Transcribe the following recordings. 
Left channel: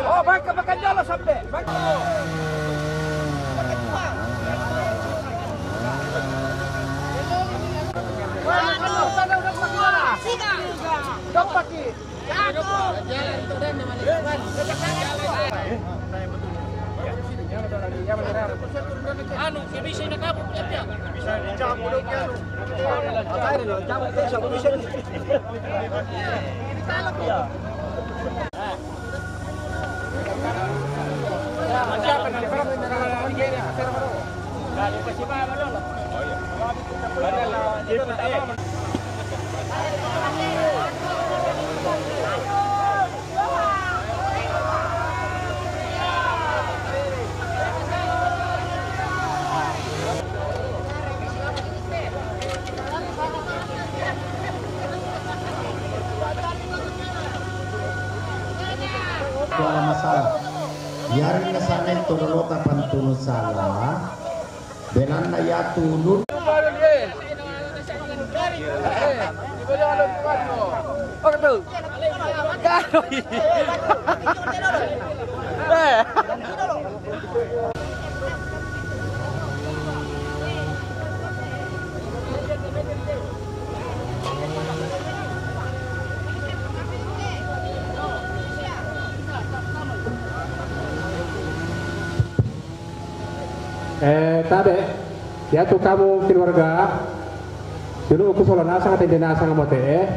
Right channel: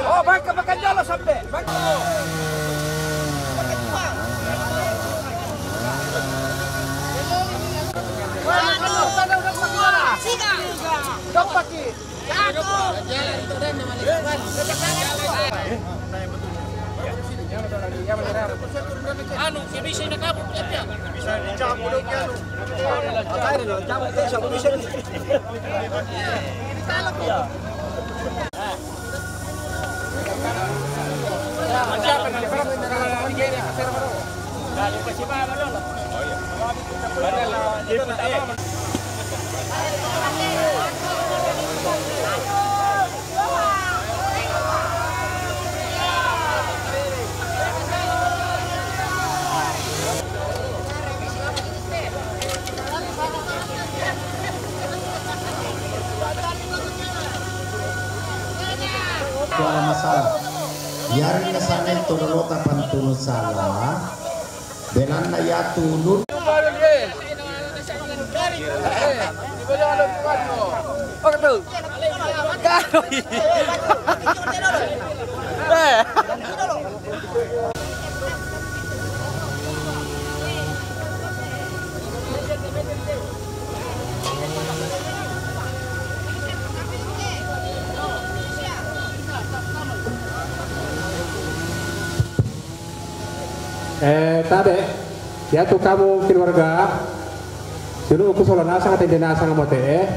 Oh, baik ke Pekanjalo sampai. Baik. Anu, bisa nak kabur ya? Bisa dicabut ya. Cabut siapa bisa. tu ala masalah. Yari na sana ito lolota pantuno salah. Benan na yatu nun. Tade, ya tu kamu keluarga, dulu aku solo nasa kata jenazah ngamote,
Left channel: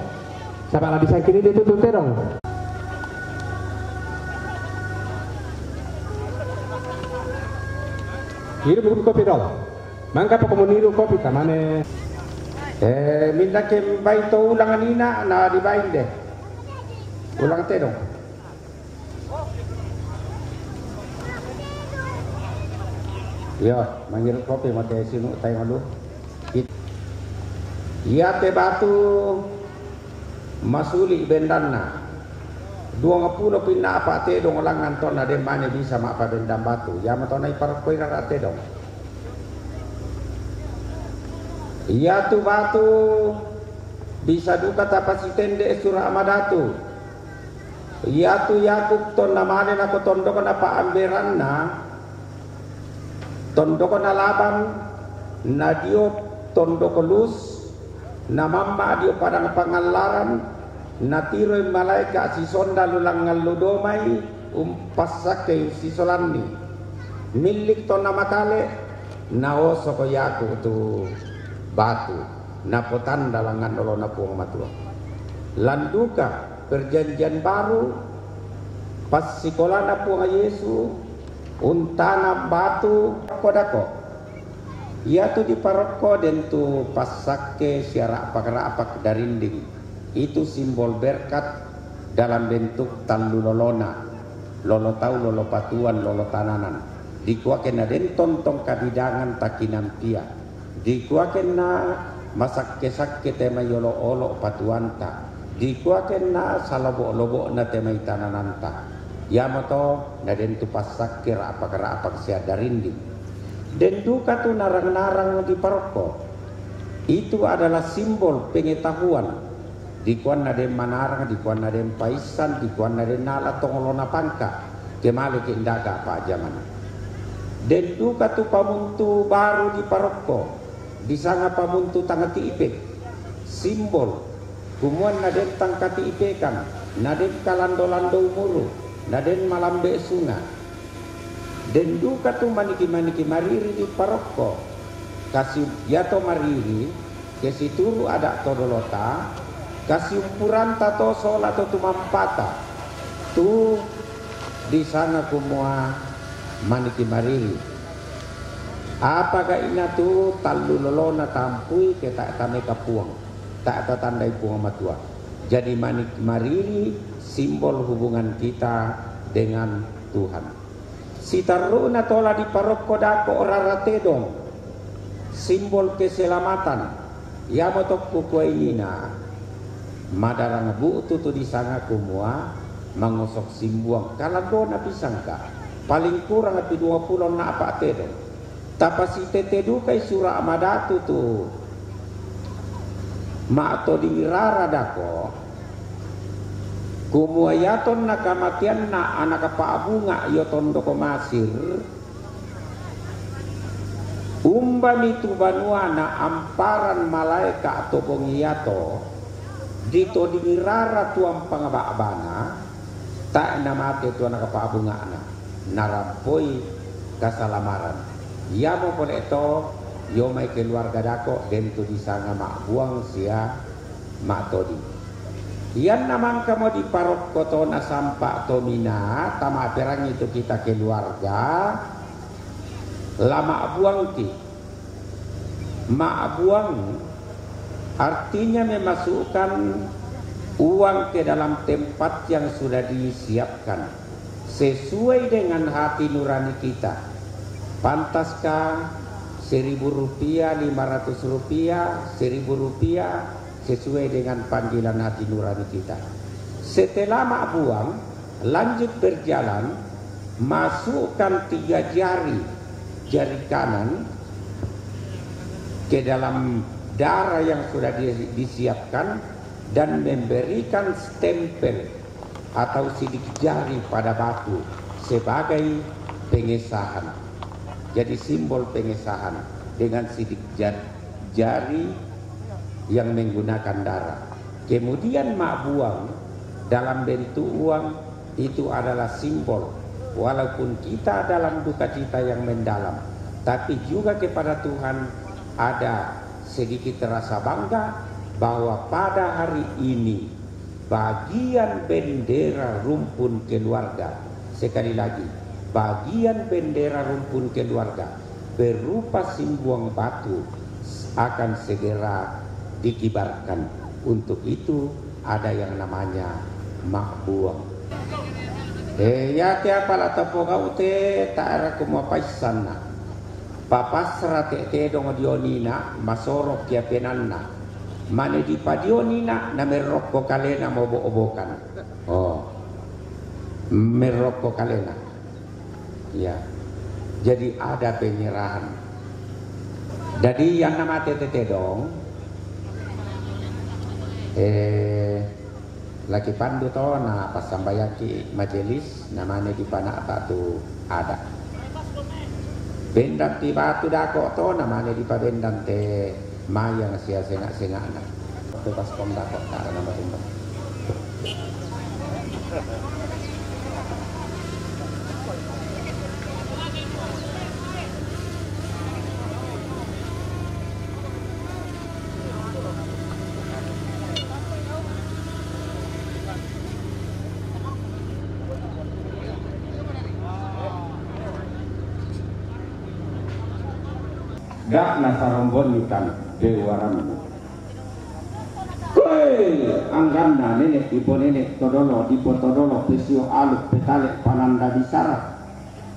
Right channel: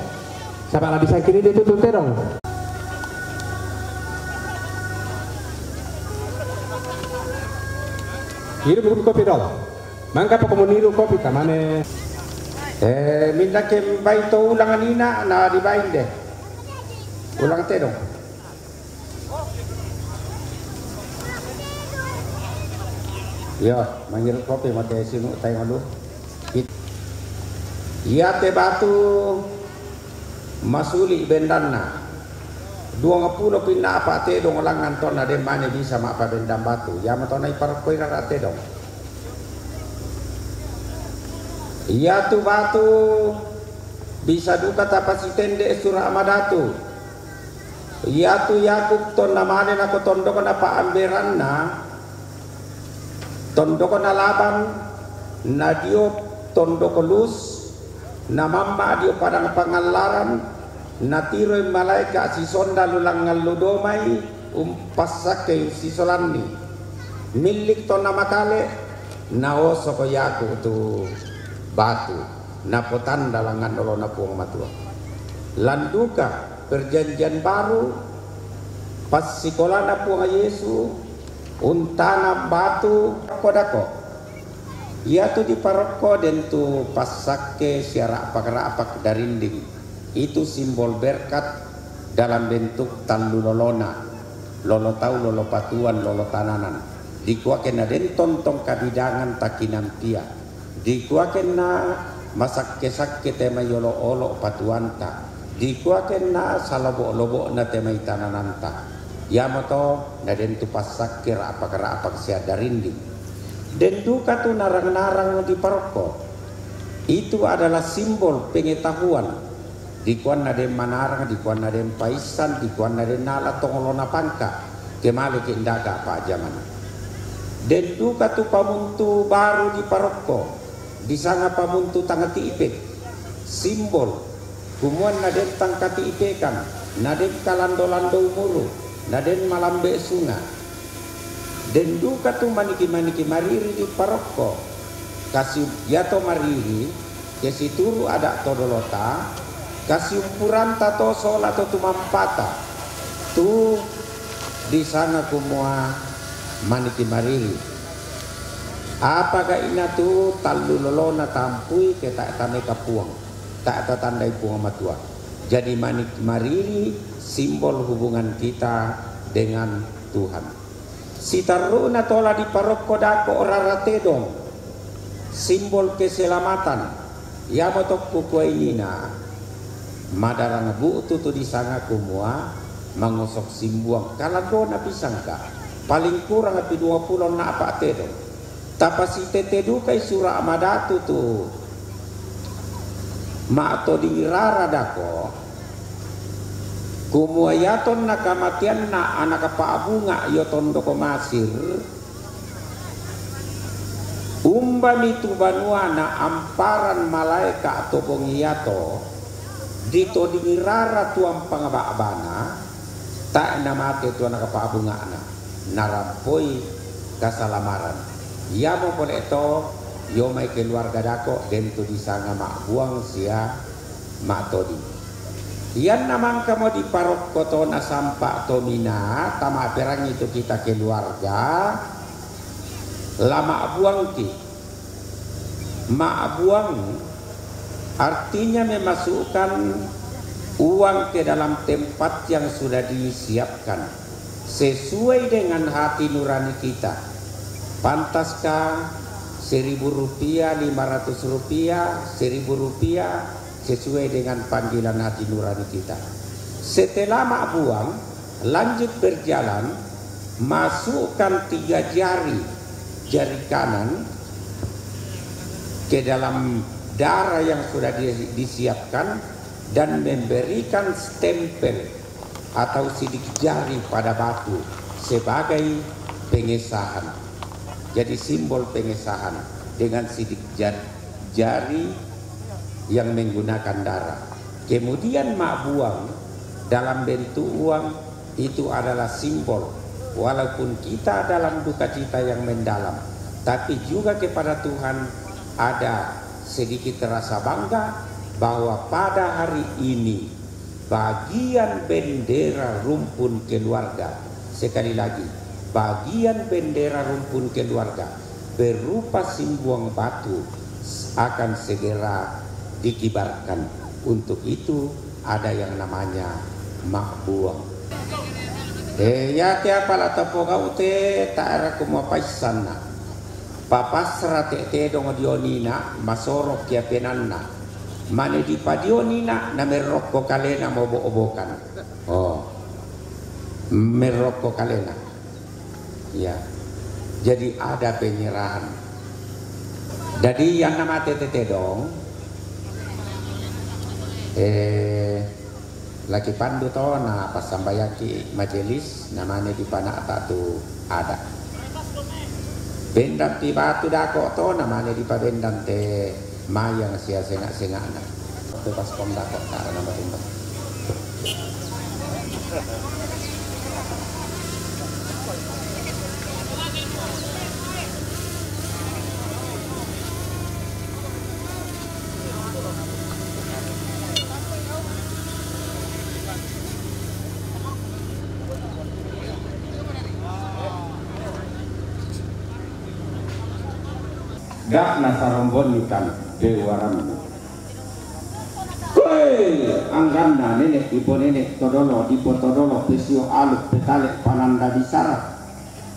sama lagi saya kiri dia tuh terong. Hiru buku kopi dong, mangka apa kamu niru kopi kamane? Minta ke bayi tu ulangan ina, na di bayi deh, ulang terong. Ya, manggil kopi mati sinu tayang lu. Iya te batu masuli bendana. 20 pinna apa te dong lang nanton ade mane bisa mak apa bendam batu. Ya matona ipar koira rate dong. Iya tu batu bisa duka tapasi tende surah amadatu. Iya tu Yakub ton namane nako tondokon apa amberanna. Tondoko na Laban na dio tondoko lus na mamma dio padang pangalaran na tiroy malaika si sonda lulang ngaludomay umpasake si solani milik to na matale na oso ko yaku tu batu na potanda langan dolo na puang matua landuka perjanjian baru pas sikola na puang Yesu untana batu kodako ia tu di paroko dan tu pasake siara apak darinding itu simbol berkat dalam bentuk talu lolona lolo tau lolo patuan lolo tananan dikuaken na den tontong kabidangan takinan pia dikuaken na masakke tema yolo olo patuanta dikuaken na salobo na tema tanananta Yamato na den tu pasak kira apa sia darindi den duka tu narang-narang di paroko itu adalah simbol pengetahuan di kuan na den manarang di kuan na den paisan di kuan na den nala tongolona pangka kemale ke indaga pak zaman den duka tu pamuntu baru di paroko di sana pamuntu tangati ipek simbol kumuan na den tangkati ipekan na den kalando-lando mulu na den malambe sunga den duka tu maniki mariri di paroko kasih yato mariri kesi turu ada todolota kasih ukuran tato sol atau tu mampata tu di sana kumua maniki mariri apakah ina tu talu lolona tampui ke tak tane kapuang tak tandai puang matua jadi maniki mariri simbol hubungan kita dengan Tuhan. Sitaruna tola di paroko dako orarate dong. Simbol keselamatan. Ya motok kukuainina. Madarang buutu tu disanga kumua mangosok simbuang. Kalau na pisangka paling kurang api 20 na apa tedong. Tapasi tetedu kai surah amadatu tu. Ma to di rara dako. Kumuayaton na kamatian na anak paabunga yoton doko masir umbami tu banua na amparan malaika atau bongiyato dito dingirara tuang pangabana tak namate tu anak paabunga na narampoi kasalamaran ya mo pun itu yo mai keluarga dako dento di sana mak buang sia mak todi Yan naman kamo di parok koto na sampa tomina tama perang itu kita keluarga lama buang ti buang artinya memasukkan uang ke dalam tempat yang sudah disiapkan sesuai dengan hati nurani kita. Pantaskah 1.000 rupiah, 500 rupiah, 1.000 rupiah sesuai dengan panggilan hati nurani kita. Setelah mak buang, lanjut berjalan, masukkan 3 jari kanan ke dalam darah yang sudah disiapkan dan memberikan stempel atau sidik jari pada batu sebagai pengesahan. Jadi simbol pengesahan dengan sidik jari yang menggunakan darah. Kemudian mak buang dalam bentuk uang, itu adalah simbol walaupun kita dalam duka cita yang mendalam, tapi juga kepada Tuhan ada sedikit rasa bangga bahwa pada hari ini bagian bendera rumpun keluarga, sekali lagi, bagian bendera rumpun keluarga berupa simbuang batu akan segera dikibarkan. Untuk itu ada yang namanya makbuang. Ya tiapa la tapo kau te taara kuma paisana papasra te dongo dionina masoro kia penanna mane di padionina na merokko kalena mobo-obokan. Oh, merokko kalena. Ya, jadi ada penyerahan. Jadi yang nama tete dong, laki pandu to na pas sambayaki majelis namanya di pana tak tu ada. Bendam ti batu dako to namanya di pabendam te mayang sia sengak na. Pas pom dako tak nama bendam. Dak nasarombon ikan dewaran. Koi anggana nenek ibu nenek todolo pesio aluk petalek pananda disara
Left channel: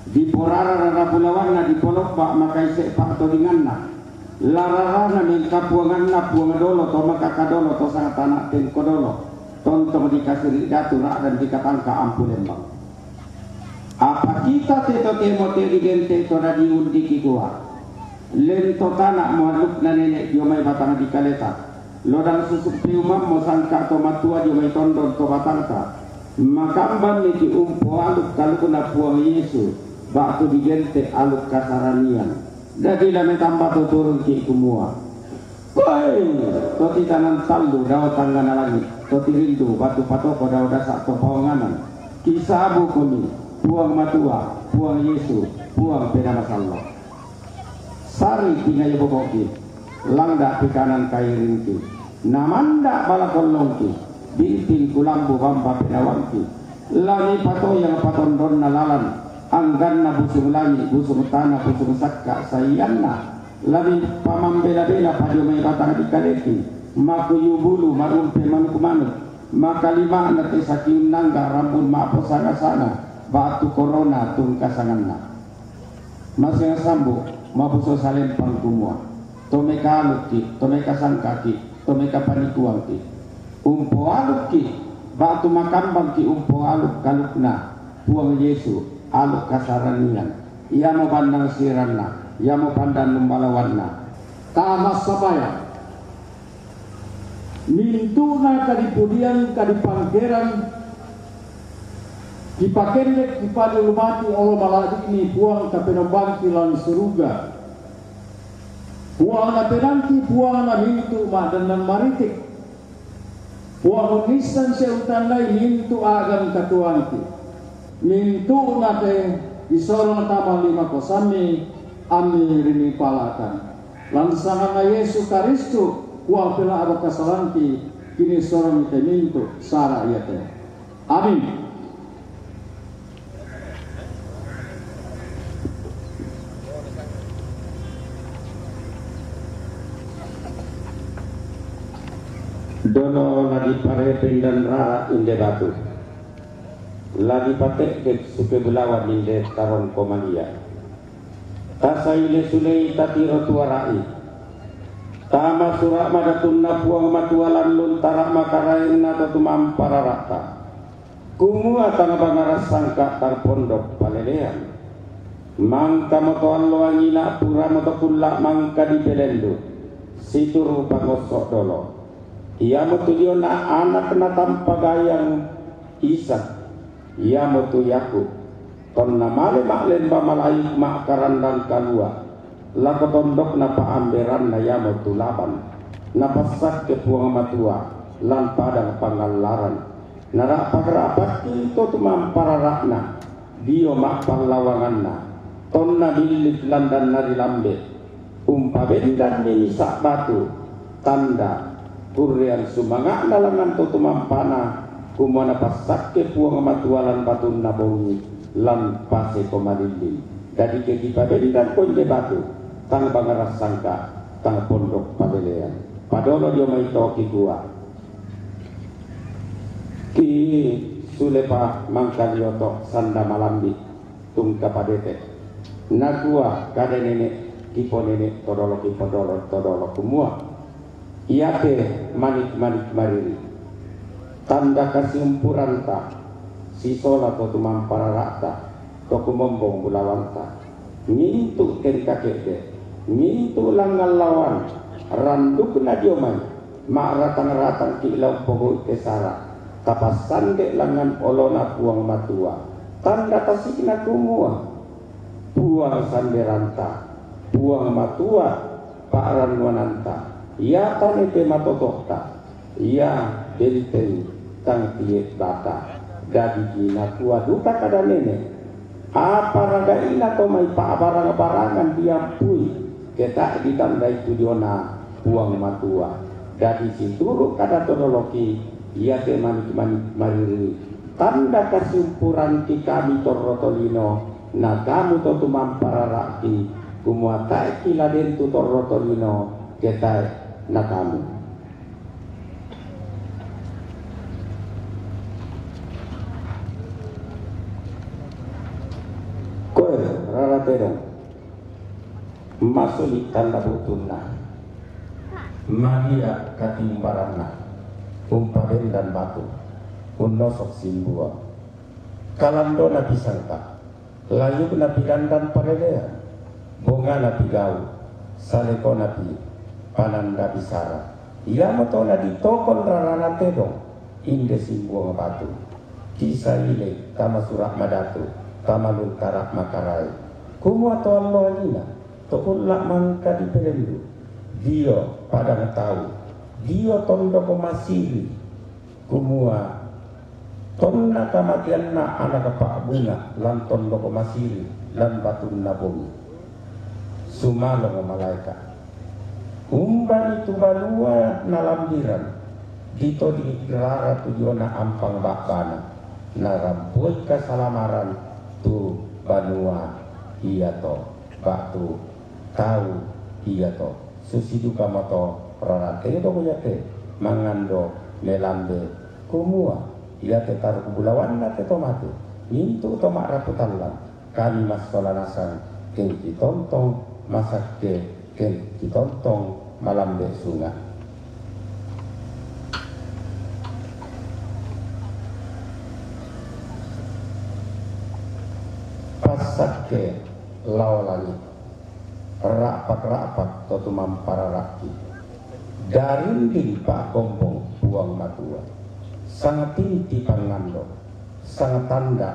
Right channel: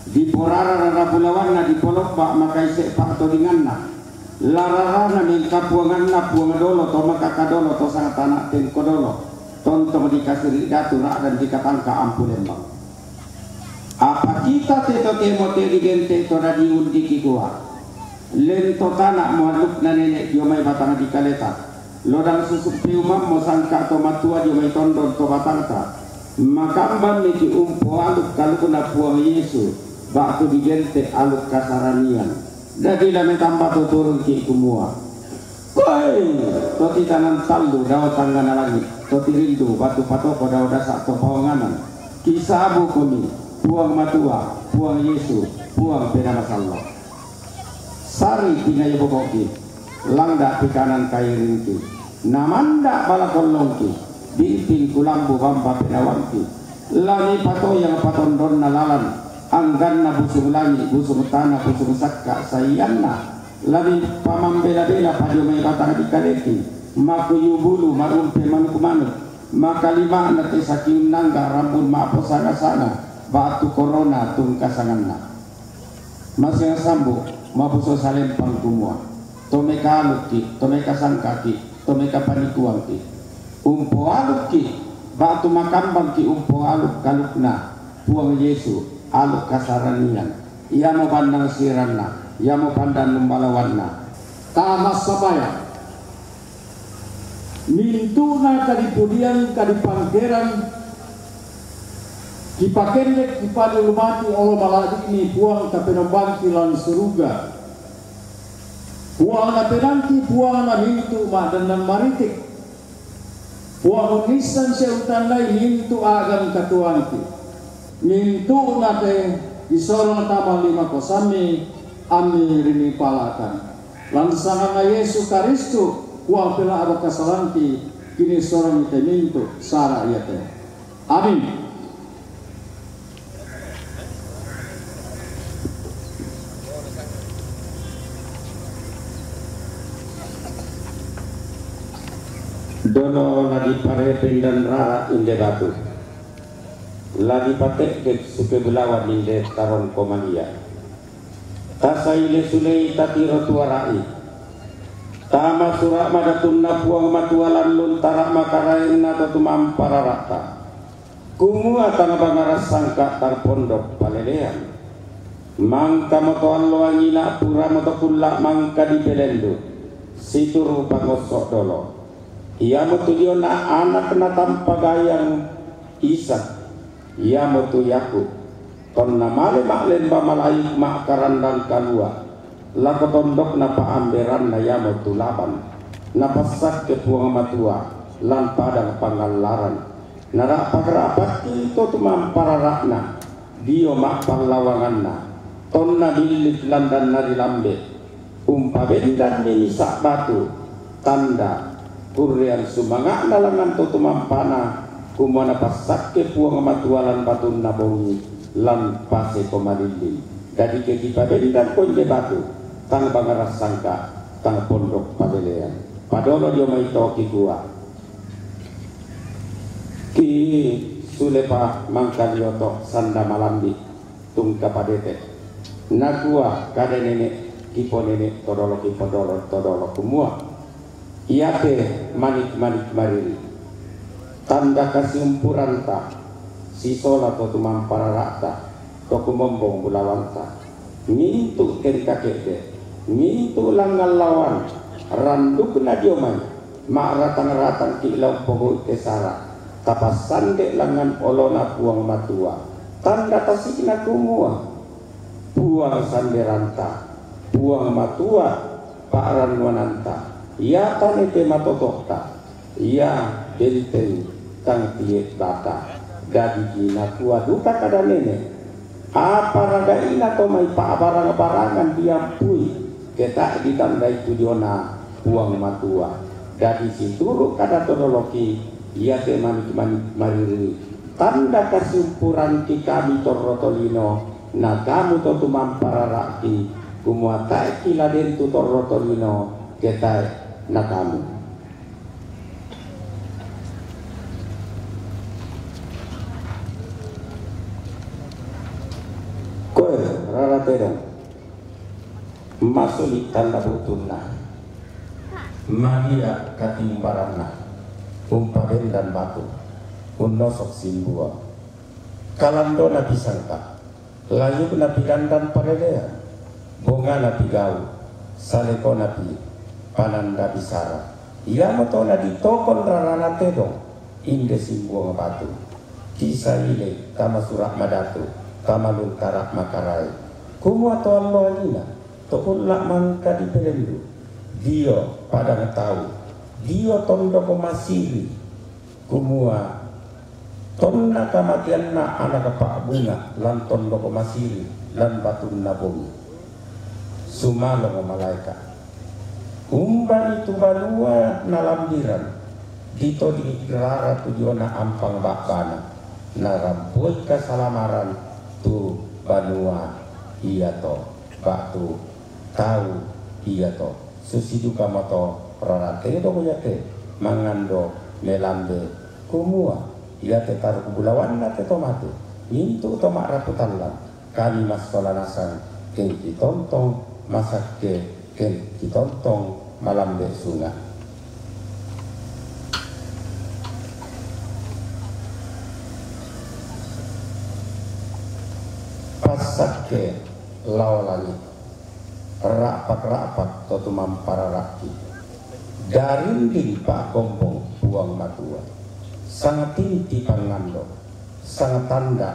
di porara rara pulawanna di polok bak makai sek pak todinganna lararana minta puanganna puangadolo to makakadolo to sangat anak tengkodolo tontong dikasih datu rak dan dikatangka ampulembang. Apa kita teto kemote di gente to di undiki gua lento tanah mualuk na nenek diomay batang di kaleta lodang susuk piumam mo sangka to matua diomay tondon to batangka makambam ni umpo aluk kaluk na puang Yesu baktu di gente aluk kasaranian dadi lame tambah to turun ki kumua koi to titanan saldo daw tangan lagi to tirindu batu patoko daw dasak to pawanganan kisabu kuni puang matua puang Yesu puang pena masallah sari tinggal boboki langda pikanan kai rinti namanda balakolongki bimpin kulambu bamba pedawanki lani pato yang patondon nalalan angganna busung langi busung tanah busung sakka sayanna lani pamambela-bela padiomai batang dikaleki maku yubulu marumpe manuk-manuk maka lima nate saking nangga rambun maapo sana-sana batu corona tungkasanganna masih sambu mabuso salem pangkumua tomeka aluki tomeka sangkaki tomeka panikuangki umpo aluki batu makambang ki umpo aluk kalukna puang Yesu aluk kasaranian ia mau pandang siranna ia mau pandang lumbalawanna tamas sabaya mintuna kadipudian kadipanggeran dipakendek di pada lumati Allah maladik ni buang kapenambang kilan seruga buang na penanti buang na mintu madanan maritik buang unisan seutan lain mintu agam katuanti mintu na te disorong tamal 5 kosami ami rini palakan lansangan na Yesu Karistu buang pela ada kasalanti kini sorong te mintu sara iate amin. Dono lagi pare pendan rara inde batu lagi patek ke suke bulawan inde taron komalia tasaile sulei tati rotuarai tama surak madatunna puang matualan lun tarak makarain na tatumam pararata kumua tang bangaras sangka tar pondok palelean mangka motoan loangina pura moto kulla mangka di belendo situru pangosok dolo ia motu diona anak na tanpa gayang Isak ia motu Yakub tonna male maklen ba malaik mak karandang kalua lako tondok na paamberan na ia motu Laban na pasak ke puang matua lan padang pangalaran narak pagrapat itu tumam pararakna dio mak pahlawanganna tonna dilit landan nari lambe bendan ni sak batu tanda kurian sumangak nalangan tu tumam pana kumana pasak ke puang matualan batu nabongi lan pase komalili dari kekipa bendan konje batu tang bangaras sangka tang pondok padelean padolo dio maitoki gua ki sulepa mangkalioto sanda malambi tungka padete nagua kade nenek kipo nenek todolo kumua iate manik mariri tanda kasiumpuranta sisola to tumam pararakta to kumombong bulawanta mintu kerika kede mintu langal lawan randuk na diomay maaratang-ratang kilaw pogo tesara tapasan dek langan olona puang matua tanda tasik na kumua puang sanderanta puang matua paaran wananta ia tanete matotokta ia benteng tang tiek bata gadi gina tua duka kada nene apa raga ina to mai pa barang-barangan diampui ketak ditandai tudiona puang matua gadi situru kada todoloki ia te manik mariri tanda kesimpuran ki kami torrotolino na kamu to tumam pararaki kumuatai kiladen tu torrotolino ketai na kamu koe rara terong masulik tanda butunna magia katimbaranna umpaden dan batu unosok simbua kalando na pisangka layu na pigandan paredea bonga na pigau saleko na pi pananda bisara ia moto na ditokon rarana tedong inde simbua batu kisah ile tama surak madatu tama luntarak makarai kumua to allo alina to ullak mangka di pelendu dio padang tahu dio tondo komasiri kumua tonna kamatian na anak pak bunga lan tondo komasiri lan batun nabumi sumalo malaikat umban itu balua nalambiran dito di rara tujuana ampang bakana naramput kesalamaran tu banua iya to batu tahu iya to susiduka moto rarate do kuyate mangando melambe kumua ia te taruh bulawan na te tomate mintu tomak raputallan kami mas kolanasan ken kitontong masak ken kitontong malambe sunga pasak ke lawalani rapak-rapak totumam pararaki darinding pak gombong buang matua sangat tinti pangando sangat tanda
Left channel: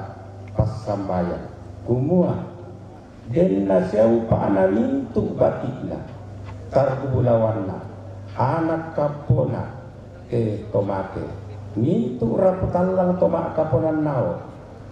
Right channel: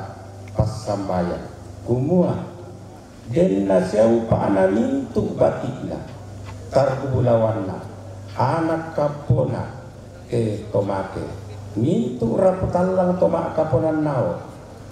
pas sambayan kumua den nasiau paana mintu batikna targulawanna anak kapona tomake mintu raputallang tomak kaponan nao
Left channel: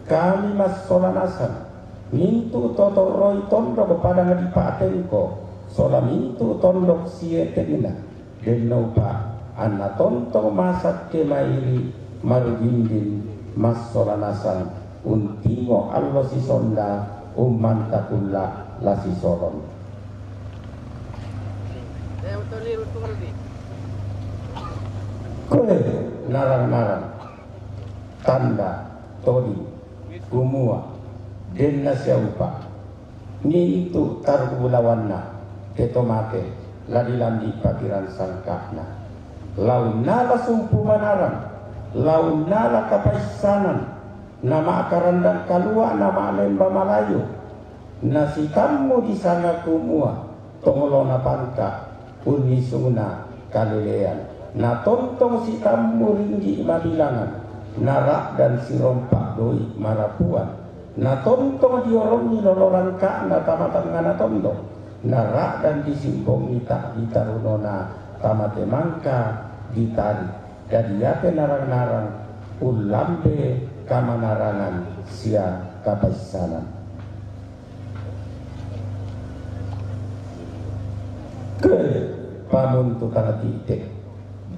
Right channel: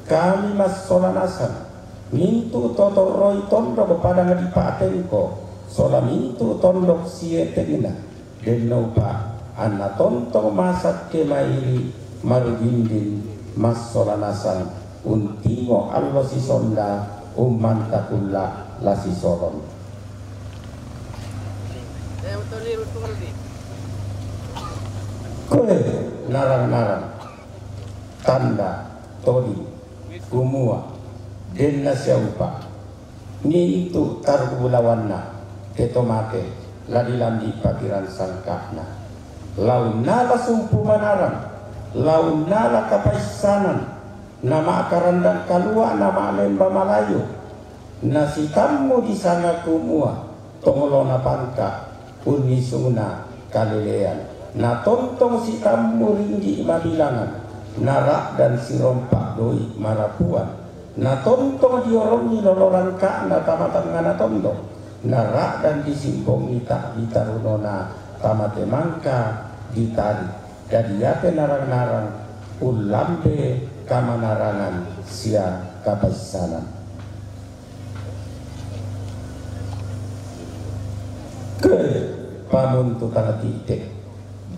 kami mas solanasan mintu toto roy tondo kepada ngadipatenko sola mintu tondok sietegina denau pa anna tonto masak kemairi marugindin mas solanasan untingo allo si sonda umantakulla la si solon koe narang-narang tanda todi kumua denna siaupa ni itu targulawanna ketomake ladilam di pakiran sangkahna launala sumpu manarang launala kapaisanan nama karandang kalua, nama lemba Malayu. Nasi tamu di sana kumua, tongolona pangka, unisuna kalilean. Na tontong si tamu ringgi mabilangan, narak dan si rompak doi marapuan. Na tontong diorongi loloran ka na tamatan ngana tontong. Narak dan disimpong ita ditarunona tamate mangka ditari. Jadi yate narang-narang ulambe kamanarangan sia kapasisanan. Ke pamuntu tanah titik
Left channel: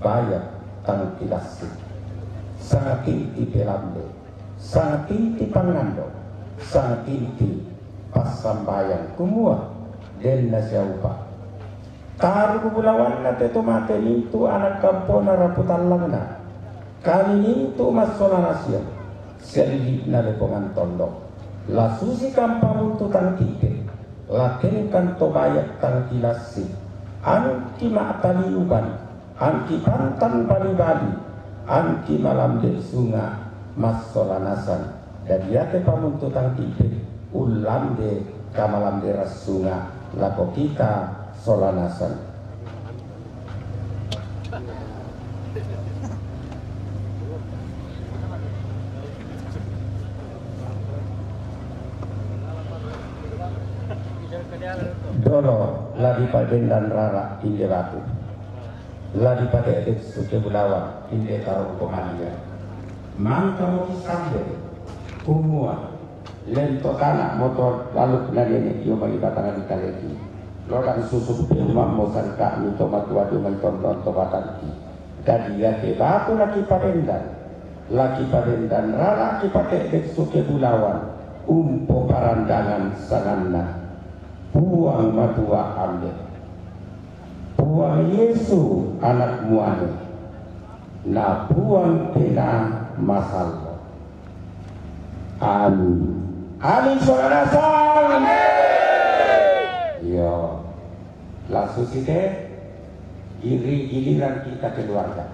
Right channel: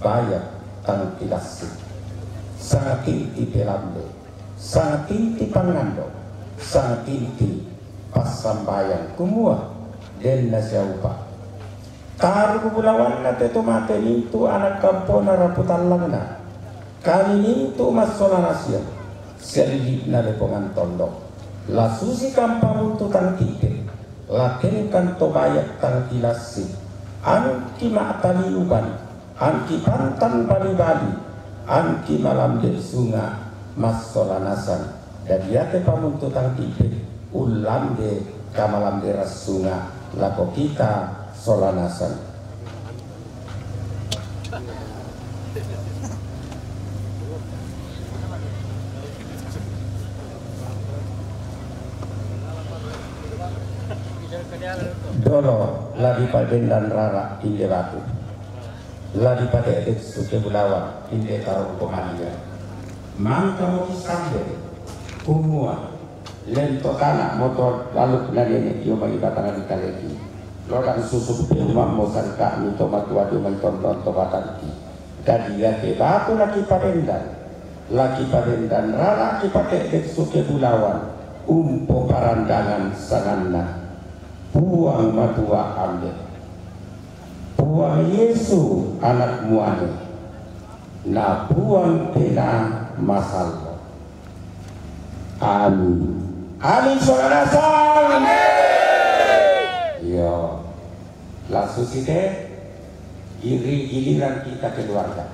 bayak tanah tilasi sangat inti pelambe sangat inti pangando sangat inti pasambayang kumua dan nasyaupa taruh bulawan na teto mate nintu anak kampona raputan langna kali nintu masola nasya selip na lepongan tondok la susi kampamuntu tanah titik laken kanto bayak tanah tilasi anki ma'taliuban, anki pantan bali-bali, anki malam sunga mas solanasan. Dan yate pamuntutang tipe ulamde kamalam deras sunga lako kita solanasan. Dolo lagi paden dan rara inde laku lagi pada edek suke bulawan inde taruh pemania mangka mau sambil kumua lento tanah motor lalu nadi yo bagi batangan kita lagi lokan susu pemam mau sangka mito matua do mentonton tobatan ki dan dia ke batu lagi paden dan rara lagi pada edek suke bulawan umpo parandangan sanganna buang matua ambil buang Yesu anak muane na buang pena masal amin amin saudara sang yo langsung sih giliran kita keluarga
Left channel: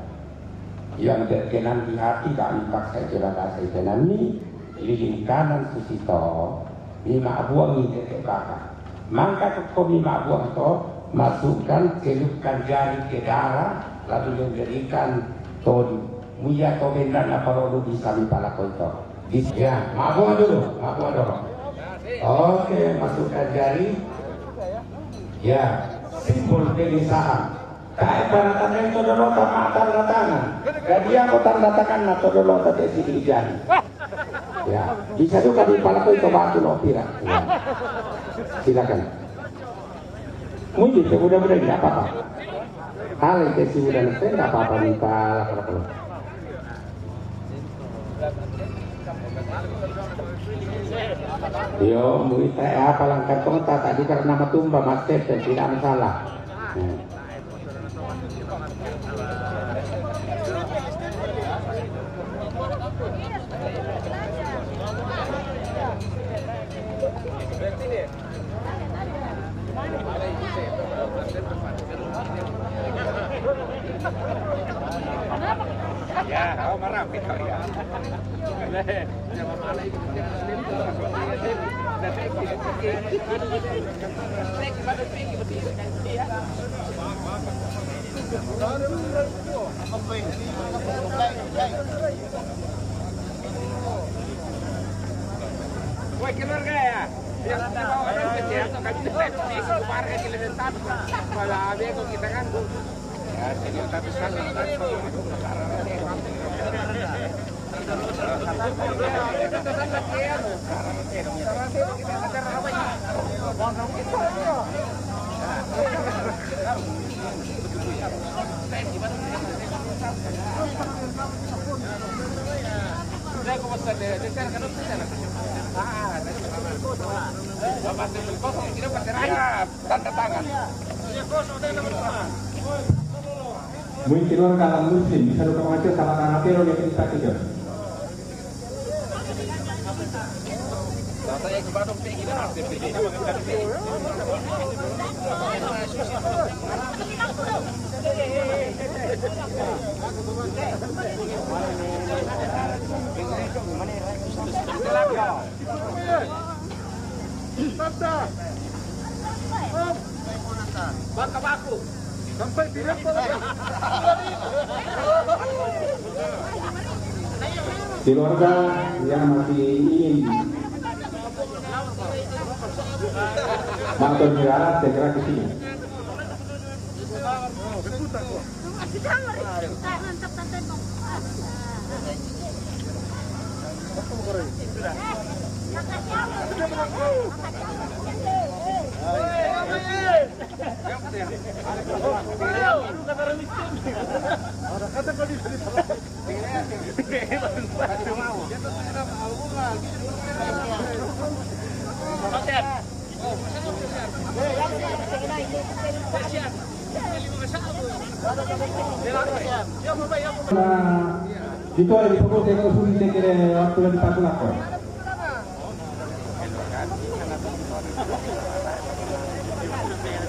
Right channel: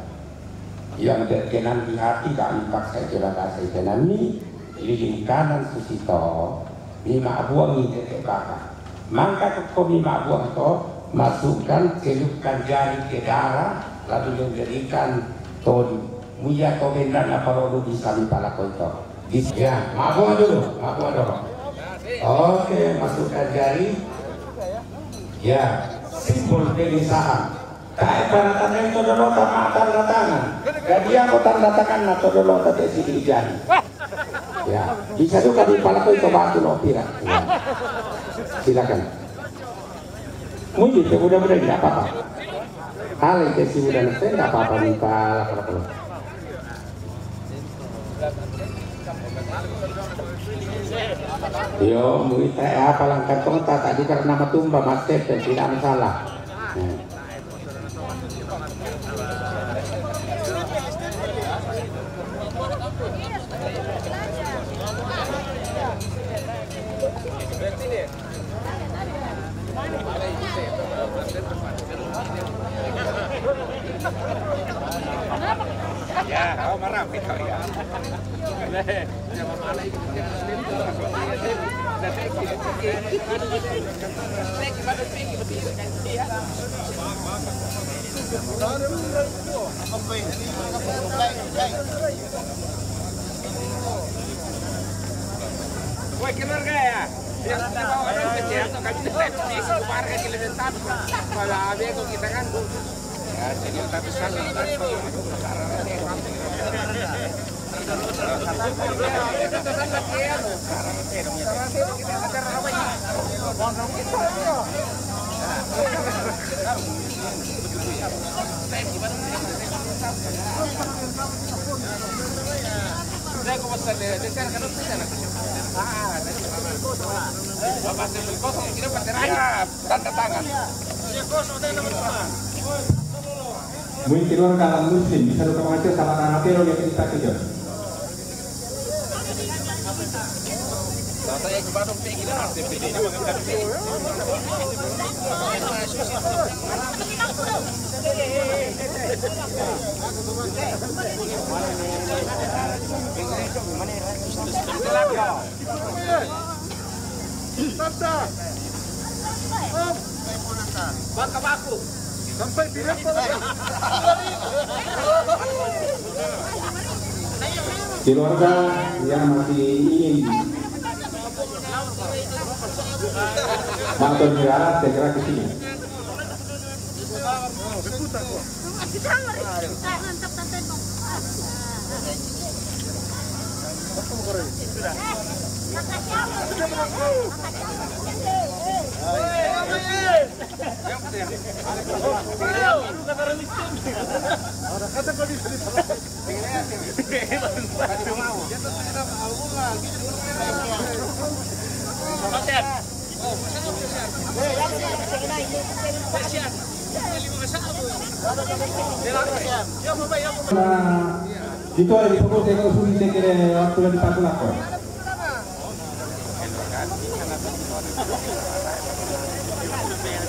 yang berkenan di hati kami paksa jalan kasih kenan ini lilin kanan susito lima buang ini bakar. Maka kami buang itu masukkan celupkan jari ke darah lalu dijadikan todi muya komendan apa rodo di samping pala itu ya buang dulu oke masukkan jari ya simbol pemisahan kayak tanda itu dulu tanda tangan jadi aku tanda tangan atau dulu tanda di jari ya bisa juga di pala itu batu loh pira ya. Silakan. Mungkin mudah-mudahan tidak apa-apa. Hal yang kesi mudah nafsu tidak apa-apa minta kalau. Yo, mungkin apa langkah kota tadi karena nama tumba mastet dan tidak masalah. Mungkin keluar kalangan muslim bisa luka mengacil sama anak tero yang kita kejar. Bangka baku. Sampai tidak keluarga yang masih ingin menonton negara segera ke sini. Itu ada di pokok tengok suri sekere waktu lagi pakai lapor.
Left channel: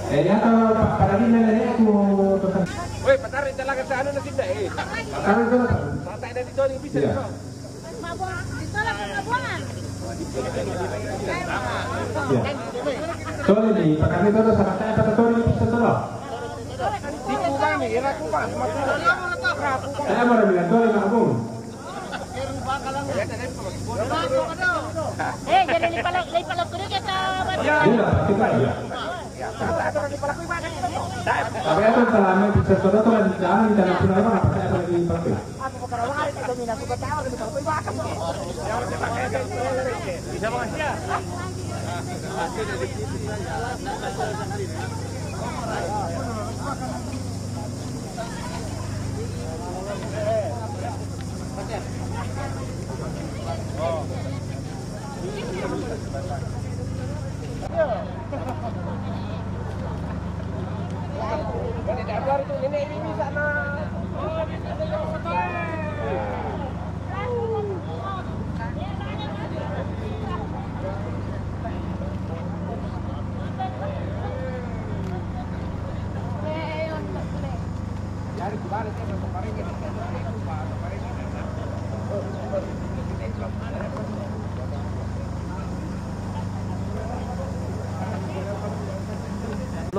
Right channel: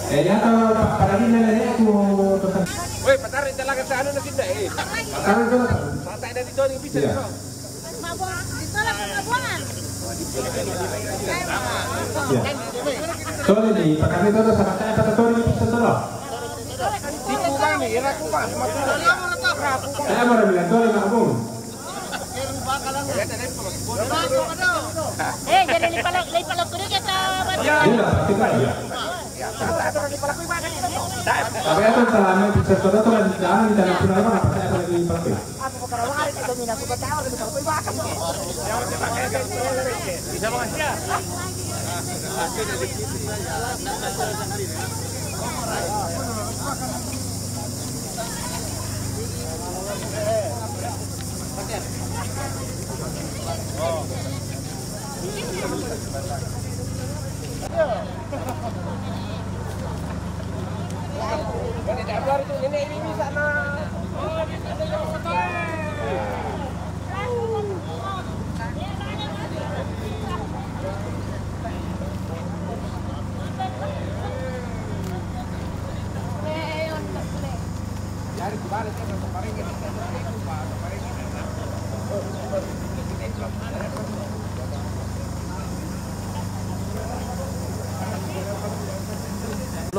Ya kalau pada ini nenek aku pesan. Woi, patarin talaga sa ano na sinda eh. Sekarang kalau Patay na dito yung bisa iya. dito. Iya. Soalnya di pakai itu sama saya pada tahun ini pesan dulu. Tipu kami, ira ko pa. Saya mau bilang dulu nggak bung. Jadi lipalag ko rin kita. Iya, pasti pak ya. Tapi itu selama bisa sudah tuh di dalam di dalam pulau apa saya lagi pakai. Bisa mga siya.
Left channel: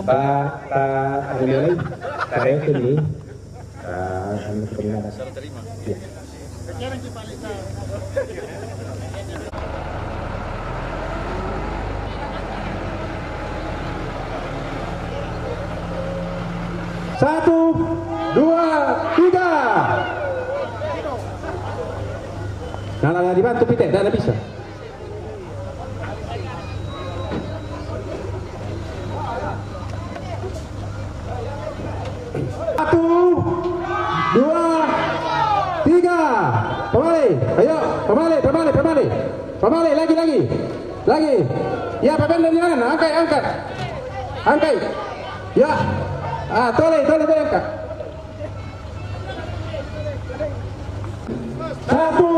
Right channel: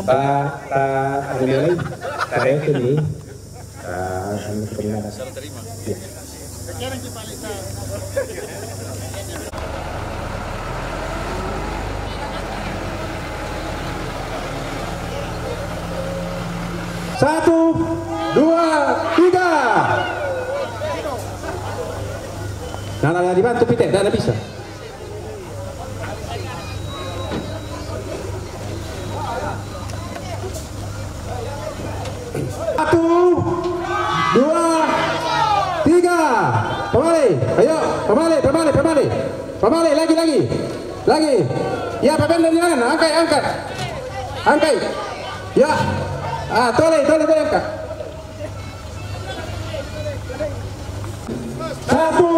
Pak Adilai, saya sini. Terima kasih. Satu, dua, tiga. Nah, dibantu Pite, tidak bisa. Satu, dua, tiga. Kembali, ayo, kembali, lagi. Ya, papan dari mana? Angkat. Ya, toleh angkat. Satu,